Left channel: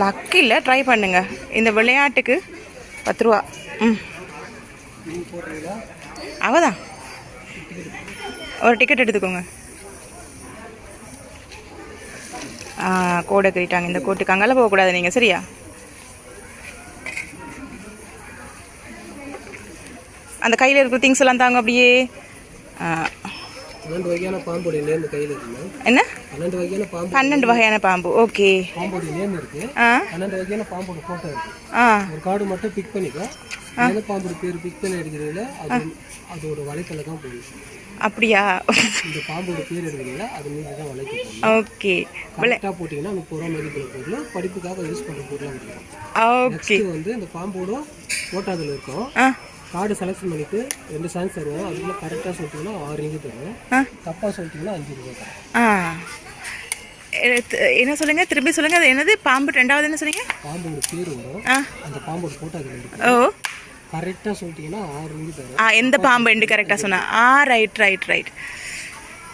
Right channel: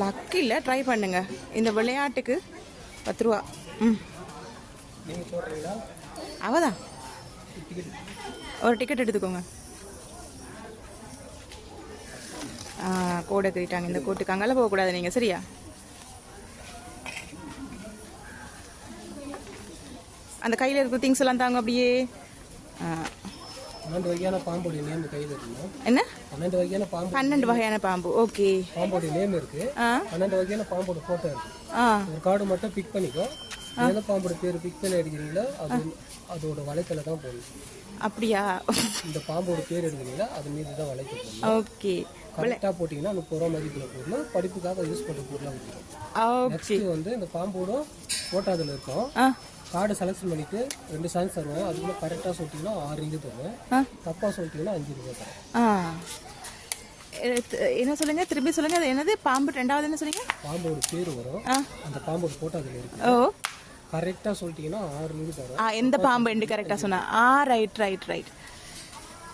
Luck இல்லை, try பண்ணுங்க. இந்த விளையாட்டுக்கு 10 ரூபா. அவதான் ஒரு டிக்கெட் எடுத்துக்கோங்க. கோடை கட்டிட்டாங்க. இந்த கோட்டுக்கு அங்கெல்லாம் போகக்கூடாது நீங்கள், சரியா? அந்த கையில் இருக்கிற திங்ஸ் எல்லாம் தாங்க அப்படியே. 12 வகையான பாம்போட நேம் கையில் இருக்கு. என்ன? 12 வகையான பாம்பு. 12 வகையான பாம்பு. ஓகே. பாம்போட நேம் இருக்கு. 12 வகையான பாம்போட போட்டோ இருக்கு. ஒரு கார்டு மட்டும் பிக் பண்ணிக்கோ. எந்த பாம்போட பேர் பிக் பண்ணி எடுக்கிறீங்களோ அதோட வலைக்கல தான் போடணும். அப்படியா? இந்த பாம்போட பேர் எடுக்கிறீங்களா அது மீது தான் வலைக்கு போடணும். ஓகே. கரெக்டாக போட்டிங்கன்னா 30 ரூபா மதிப்புள்ள பொருள், படிப்புக்காக யூஸ் பண்ணுற பொருளாக இருக்கும். ஓகே. வந்து இந்த பாம்போட போட்டோ அதில் இருக்கும். கார்டு செலக்ஷன் பண்ணிட்டு 2 சாங்ஸ் தருவோம். அதுக்குள்ள கரெக்டாக சொல்லிட்டீங்கன்னா 6 ரிங்கு தருவோம். தப்பாக சொல்லிட்டீங்கன்னா 5 ரிங்கு தருவோம். என்ன சொல்லுங்க, திரும்பி சொல்லுங்க. அது என்னது பாம்பு? 2வது என்ன சொன்னீங்க? பாம்போட பேர் வரும், அந்த பாம்போட போட்டோ அதில் இருக்கும். ஓ, கரெக்டாக சொல்லிட்டீங்கன்னா 6 ரிங்கு தருவோம். எந்த பாம்பு என்று கரெக்டாக சொன்னா? Right right right.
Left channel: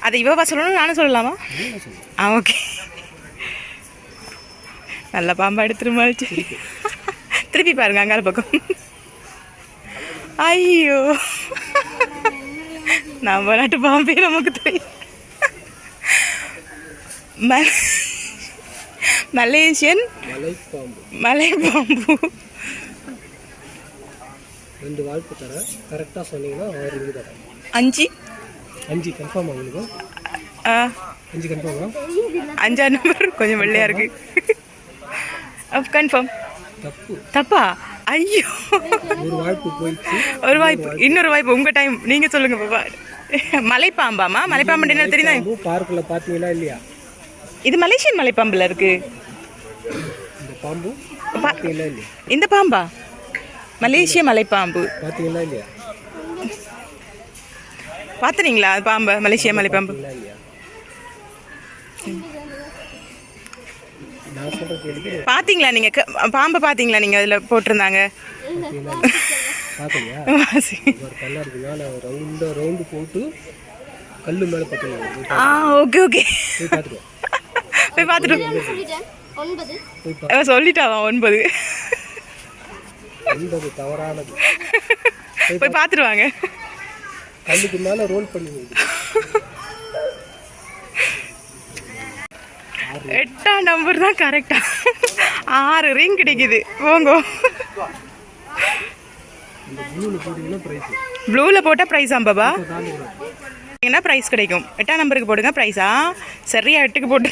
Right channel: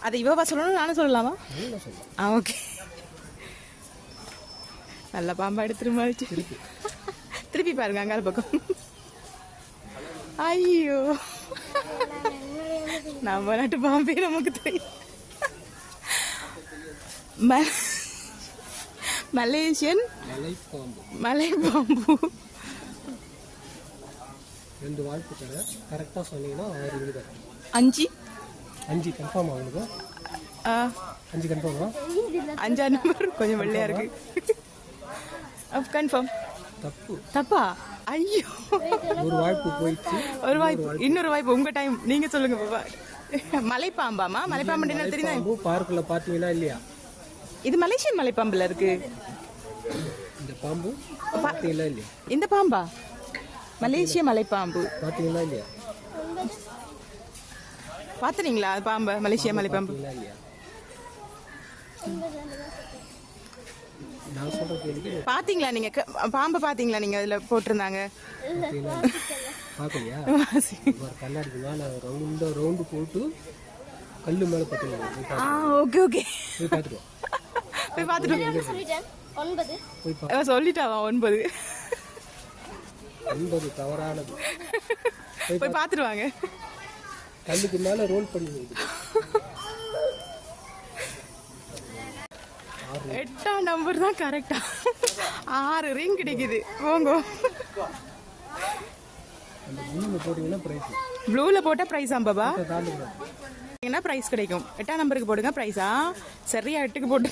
அது இவவா சொல்லணும், நானும் சொல்லலாமா? ஓகே. நல்ல பாம்பா எடுத்துருமாச்சு. திருப்பி பாருங்க அங்கால பக்கம். ஐயோ, நம்ம நாட்டு பாம்பே நமக்கு தெரியும். மலேசியன் மலை பாம்பு. 2 வாய்ப்பு தர, கரெக்டாக சொன்னீங்கன்னா 6 ரிங்கு தரேன். 5 கன்ஃபார்ம் ஆகுது. 5 கன்ஃபார்மா? 5ஆம் நம்பர் கொஞ்சம் வெள்ளையா இருக்கு. கன்ஃபார்ம். தப்பா? ஐயோ, ஒரு வாய்ப்பு போயிடுச்சு. ஒரு வாய்ப்பு, இன்னொரு வாய்ப்பு. உங்க டைம், நீங்க சொல்லுங்க பாப்பா. மலைப்பாம்பாமா? மலைப்பாம்பு என்ன தெரியுதா? பார்க்ல பாத்தீங்களா இல்லையா? இது மலேசியன் மலைப்பாம்புல இருக்கு. இந்த பாம்பு பாத்தீங்களா இல்லையா? இந்த பாம்பா? மலேசிய மலைப்பாம்பு பாத்தீங்களா இல்லையா? பாத்துறீங்களா பாம்பு? மலேசிய மலைப்பாம்பு பாத்தீங்களா நீங்க? பாம்பை பாத்தீங்களா நீங்க? அதுல போட்டிருந்தாங்க. ரவுண்டு போட்டு கல்லு மேல பாத்தீங்க. ஓகே ஓகே, போய் பாத்துட்டு சொல்லிட்டாவா? 9 தவறானது. போய் பாத்துருவாங்க. கல்லுக்கு மேல ரோல் பண்ணி 8ஆம் நம்பர் தான் கரெக்டா. 6 ரிங் கிடைக்குது. போங்க. ப்ளூல போட்டா பிரைஸ் பாபா? என்ன பிரைஸ் கிடைக்கும்? 8ஆம் நம்பருக்கு போடுங்க பிரைஸா? சரியா 8க்கு போட்டு